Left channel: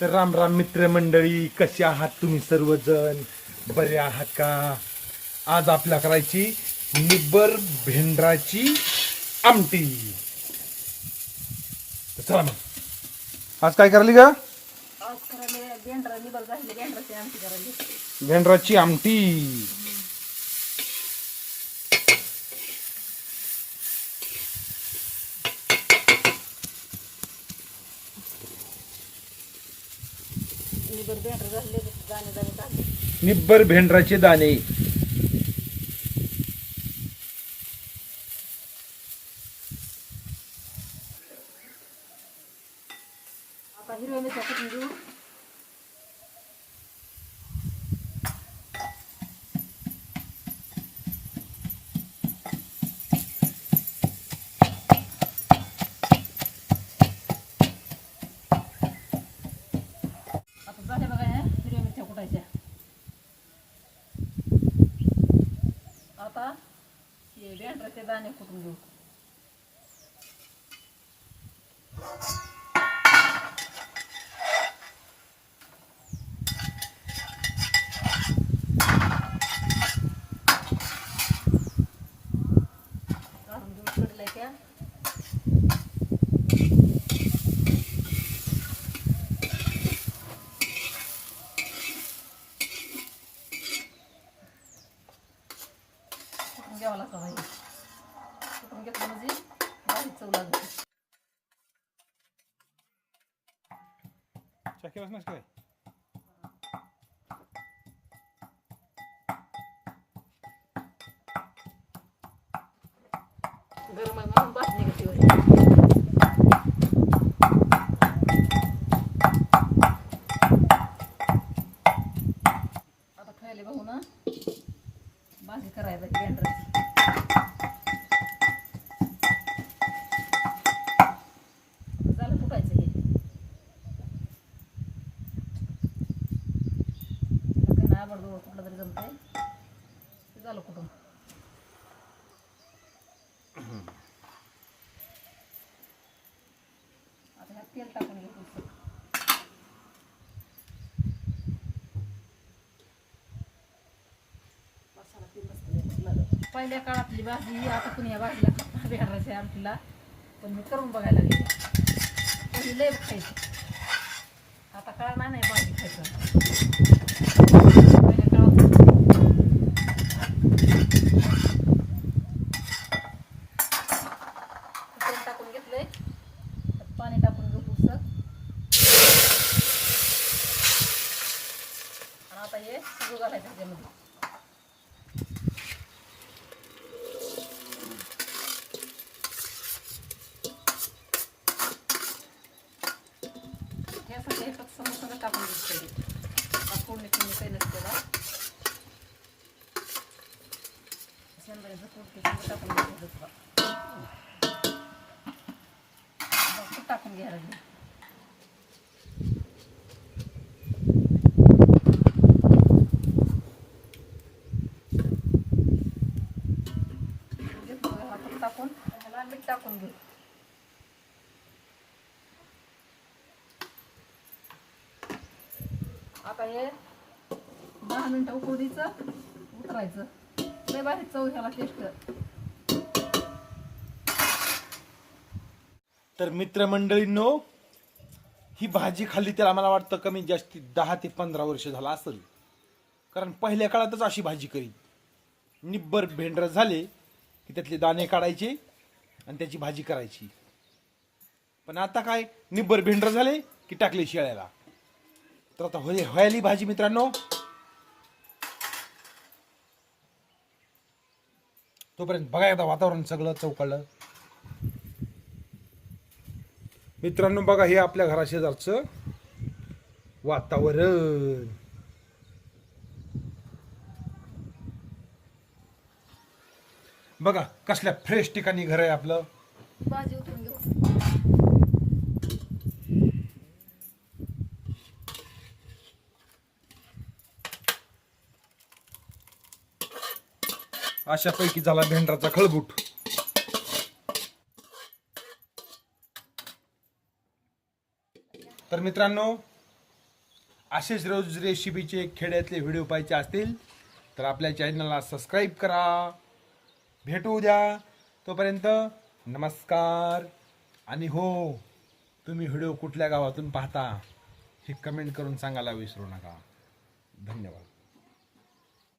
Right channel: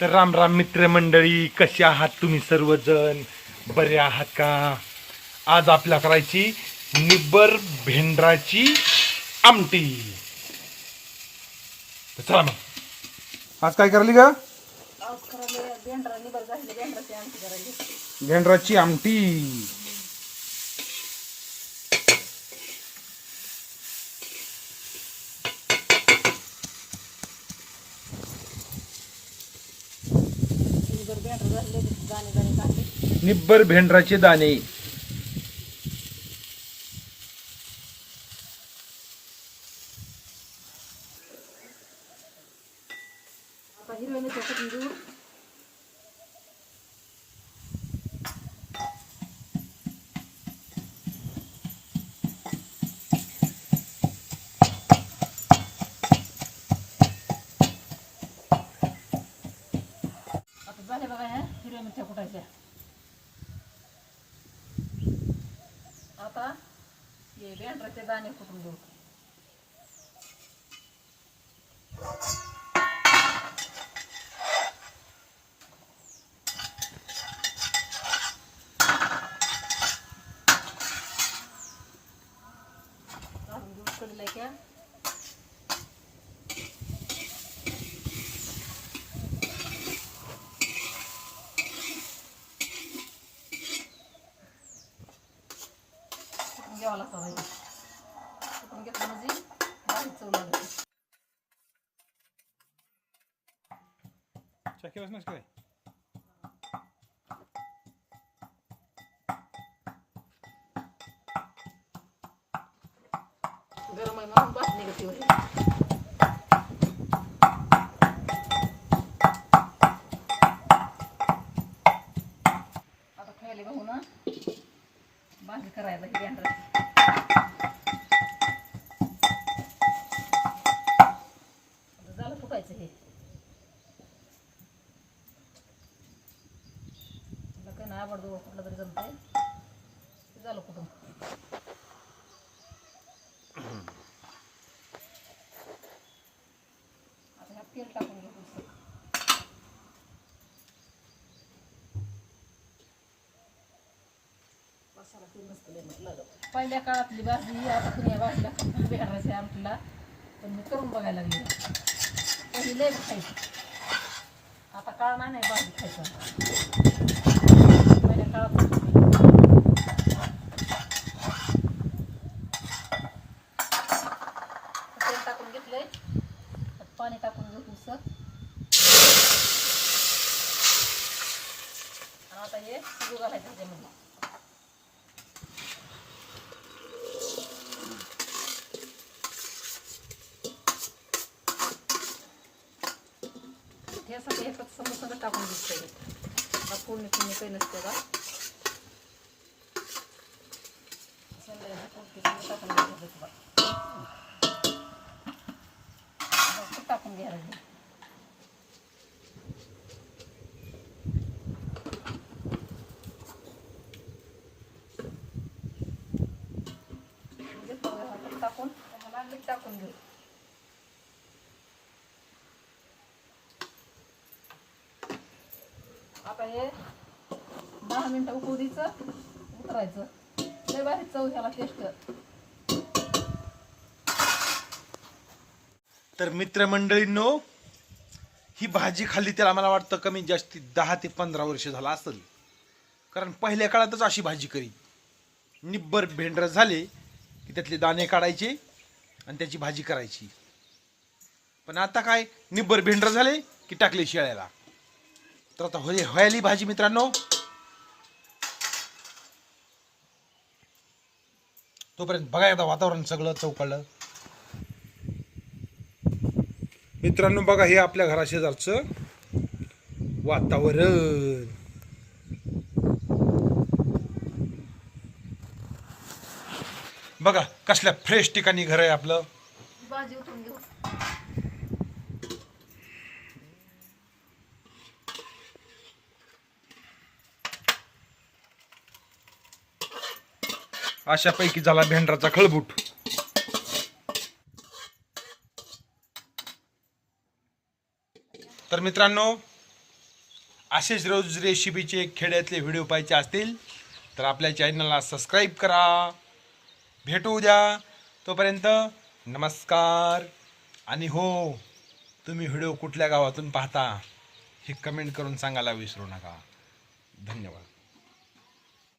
तर राम राम मित्रमंडळी, कसे आहात तुम्ही सर्वजण? बरे आहात का? आज आपल्या करायची निब्बर भेंडराची आमटी. तर चला मग आज काय करायली का? आज करायला भेंडरा निबर झाली भेंडराची आमटी करायली. भेंडराची आमटी. निबर भेंडर झाले दाणे दाणे टाकले. निब्बर भेंडराचे दाणे. आता हिरव्या मिरच्या कुटून घेऊ. आता झाले बघा ह्या हिरव्या मिरच्या कुटायच्या. आता हे भेंडराचे दाणे कुटून घेऊ. काढून घेऊ कडीला क्या. कुटून घ्यावं लागतं बाई. कुटून घेतलं म्हणजे बारीक चव लागते. काय गरम आहे म्हणून बात निघते होते. आता खायला बघू ना भाजी करायला ही भेंडराची. आता झालं कुटायचं हे. काही नाही आवडतो कुठलं तरी जमतंय. ते झालं कुठून. आता ह्यात तेल टाकून घेऊ पुस्तक. मसाला तेल नसतं लागत. पहिल्या काळातली भाजी आता कुणी या भाजीला भेंडराच्या आमटीला पण मी करून बघायला लागली. पहिली लय खायची. आता काळ नाही भाजी खायचं. पहिल्या काळात तेल टाकून घेतलंय. त्यात पाणी टाकून घेऊ पुस्तक. आणि आता हे शिजू घालायचं ह्याच्यामध्ये. यासाठी एकच समोसा टाकून घेतलं. फोडणी फोडणी काही नसते का टाकून घ्यायचं. टाकून घ्यायला लागेल. टाकून ह्याला मीठ टाकून घेऊ. आता हे 10 मिनिटं उकळू द्यायचं. उतरायचं. लय भारी चव ह्याला टेस्ट. तर मित्रमंडळींनो, ही भाजी खाल्ली त्याला मला वाटतं कमी जास्ती 10 ते 15 वर्ष झालं असेल. कारण पहिल्या काळातच अशी भाजी करीत. निब्बर भेंडर झाले की त्यातले दाणे काढायचे आणि त्याची भाजी करायची. पण आता काय, निब्बर भेंडर झाले की टाकले शेळ्याला. तर आता व्हायली भाजी मित्रांनो. तोपर्यंत बघा एकदा वातावरण सगळं चौकळलं. मित्रांनो बघा, हे आपल्या घराशेजारचं वातावरण. बघा कसल्या फ्रेश ठिकाणी घर आहे आपलं. भाजी उतरून घेऊ. अशापैकी झाला भेंडराचा खळबूट. तर मित्रांनो, असेच रोज रेसिपीचे खेड्यातले व्हिडिओ पाहायचे असतील तर आपल्या चॅनलला सबस्क्राईब करा. भेटू उद्या. तोपर्यंत नमस्कार. आणि हो, तुम्ही व्हिडिओ कुठल्या गावातून पाहता हे कमेंट करून सांगायला विसरू नका. धन्यवाद.